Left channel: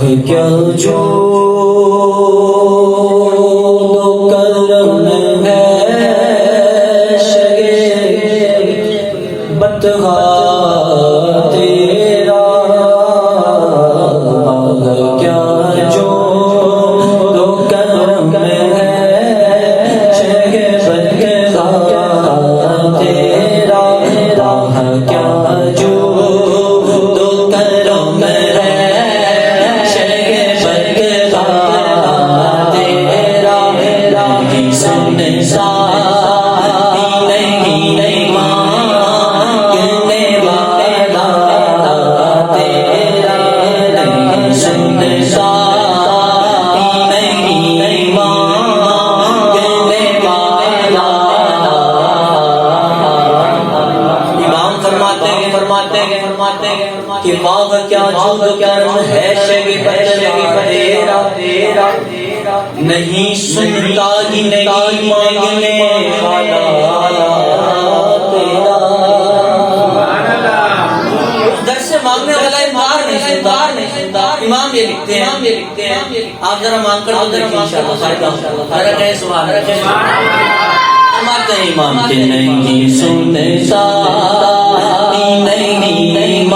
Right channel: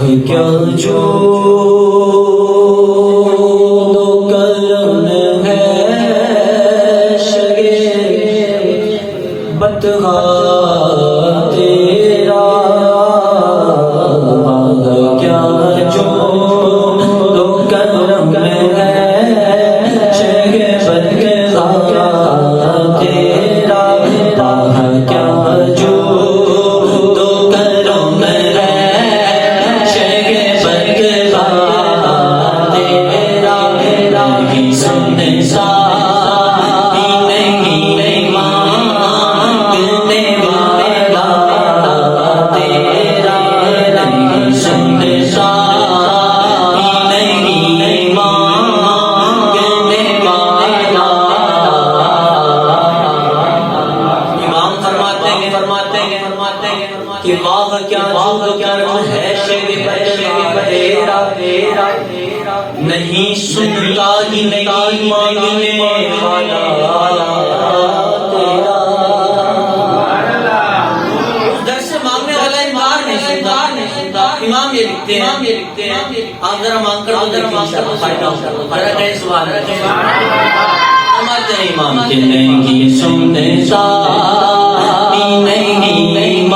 کیا جو کرم ہے شگے بتغا تیرا کیا جو کرم ہے شگے بتغا تیرا کیا جو کہ ماں کیا جو کرم ہے تیرا نہیں سنتا ہی نہیں مانگنے والا تیرا در سے مانگنے والا انکار نہیں سنتا امام یہ لکھتے ہیں آپ ذرا مانگ کر دیکھیں انشاءاللہ فائدہ ہوتا ہے ذرا سبحان اللہ فرماتے ہیں امام کہ نہیں سنتا نہیں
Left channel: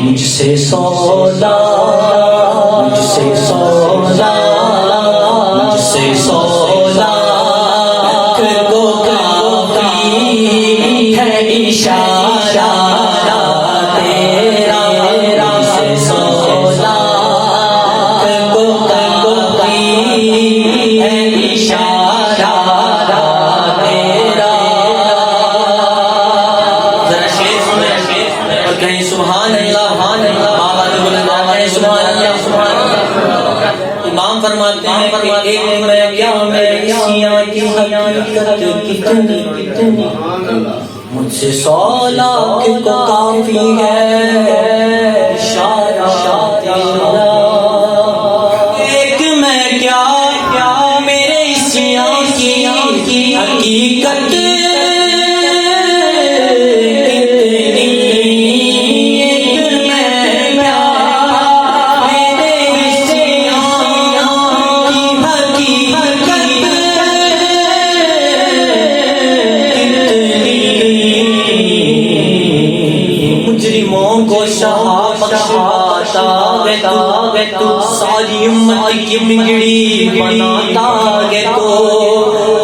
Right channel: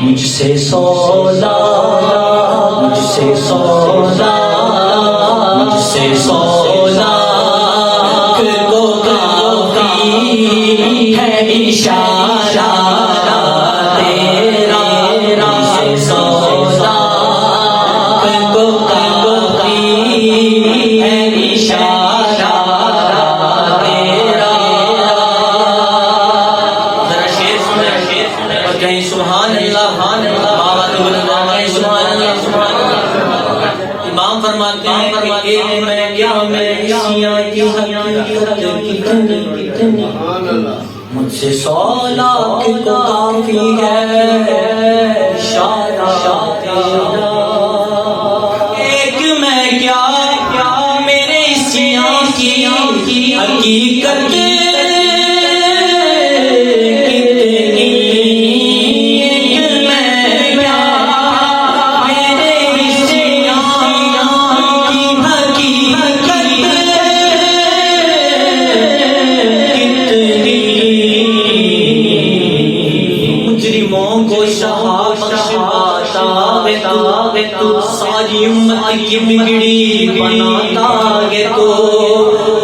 مجھ سے سودا مجھ سے سودا مجھ سے سودا کو کافی ہے اشارہ تیرا مجھ سے سودا کو کافی ہے اشارہ تیرا ذرا شیخ میں کہیں سبحان اللہ آواز بلند ہے سبحان اللہ امام فرماتے ہیں ایک میں کیا میری سیاں کی حقیقت کتنی مجھ سے سودا کو کافی ہے اشارہ تیرا ایک میں کیا میرے سیاں کی حقیقت ساری امت کی بگڑی بناتا ہے تو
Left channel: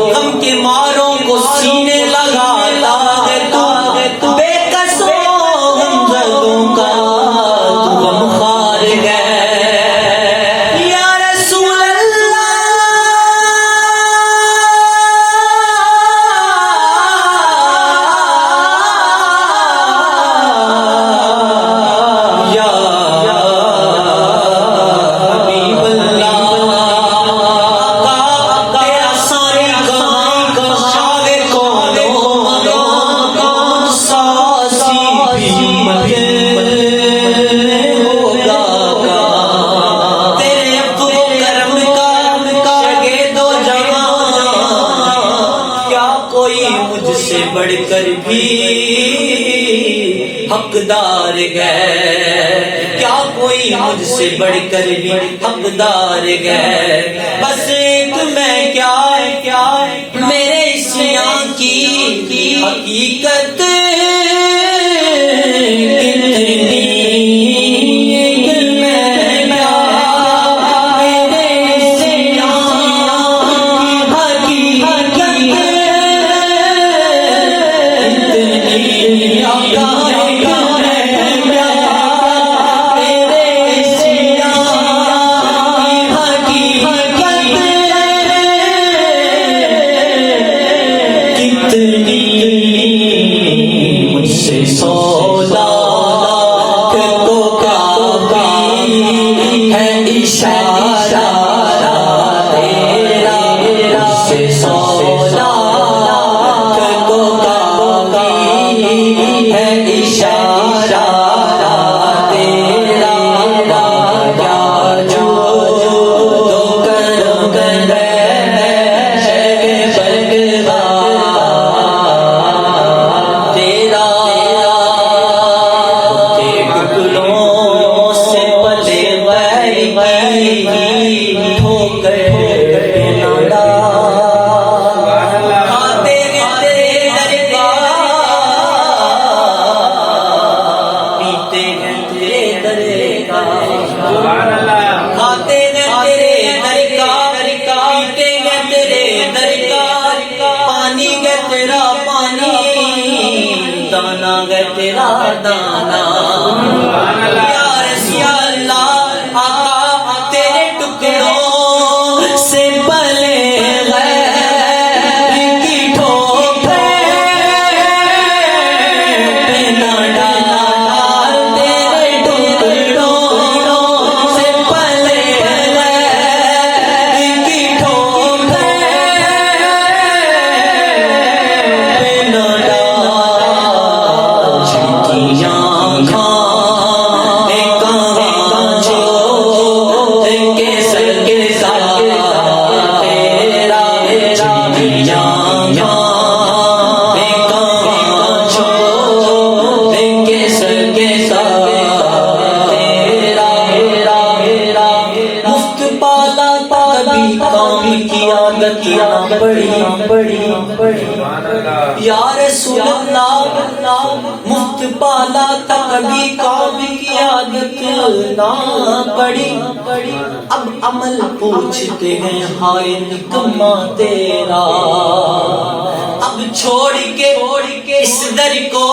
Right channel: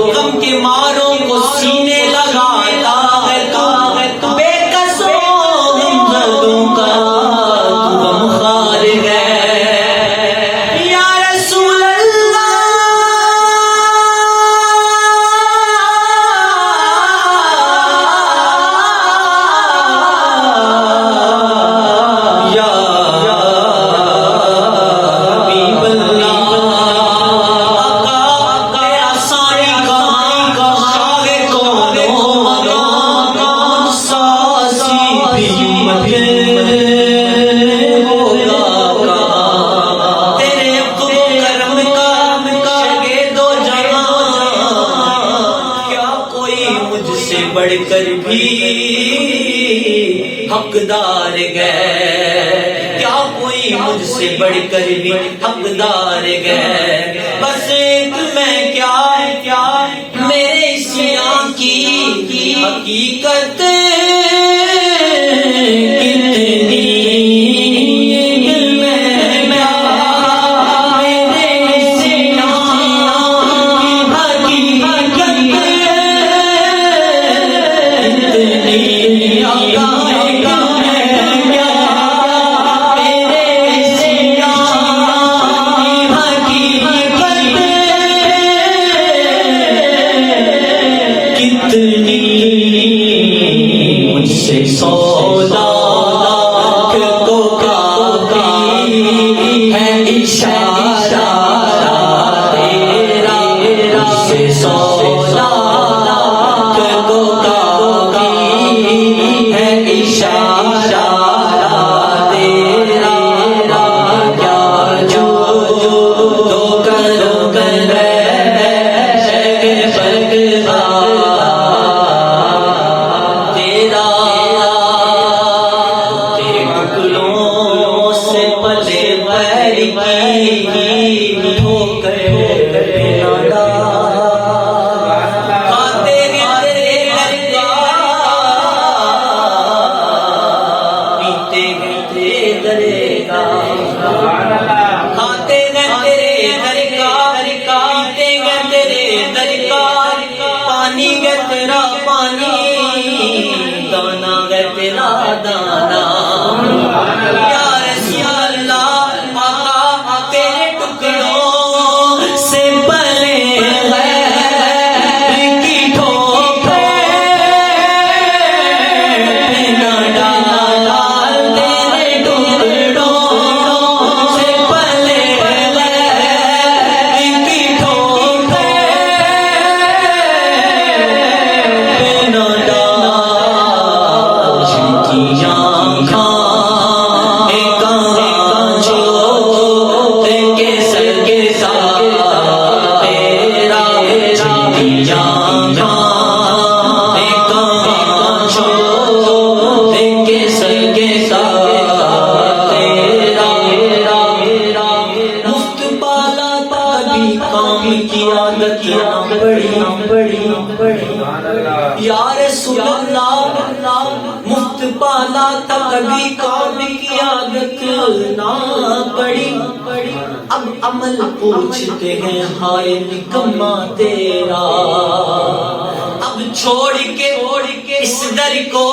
غم کے ماروں کو سینے لگاتا ہے تو بے قصوں غمزدوں کا تو غمخوار ہے یا رسول اللہ بڑھ کر بھی حقدار ہے کیا کوئی مجھ سے بڑھ کر بھی حقدار ہے بس ایک میں کیا میرے سیاں کی حقیقت تیرا دانا یا رسول اللہ آقا تیرے ٹکڑوں سے پلے کی ٹھوکریں نہ ڈال تیرے ٹکڑوں سے پلے کی ٹھوکریں نہ یا رسول اللہ مفت پالا تھا کبھی کام کیا نہ پڑی اب عمل پوچھتے ہیں ہائے نکما تیرا اب چھوڑ کے اس در کو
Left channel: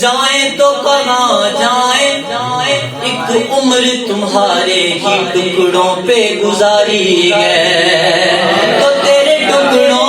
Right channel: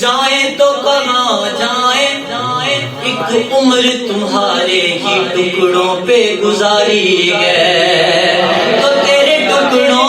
جائیں تو کہاں جائیں ایک عمر تمہارے ہی ٹکڑوں پہ گزاری ہے تو تیرے ٹکڑوں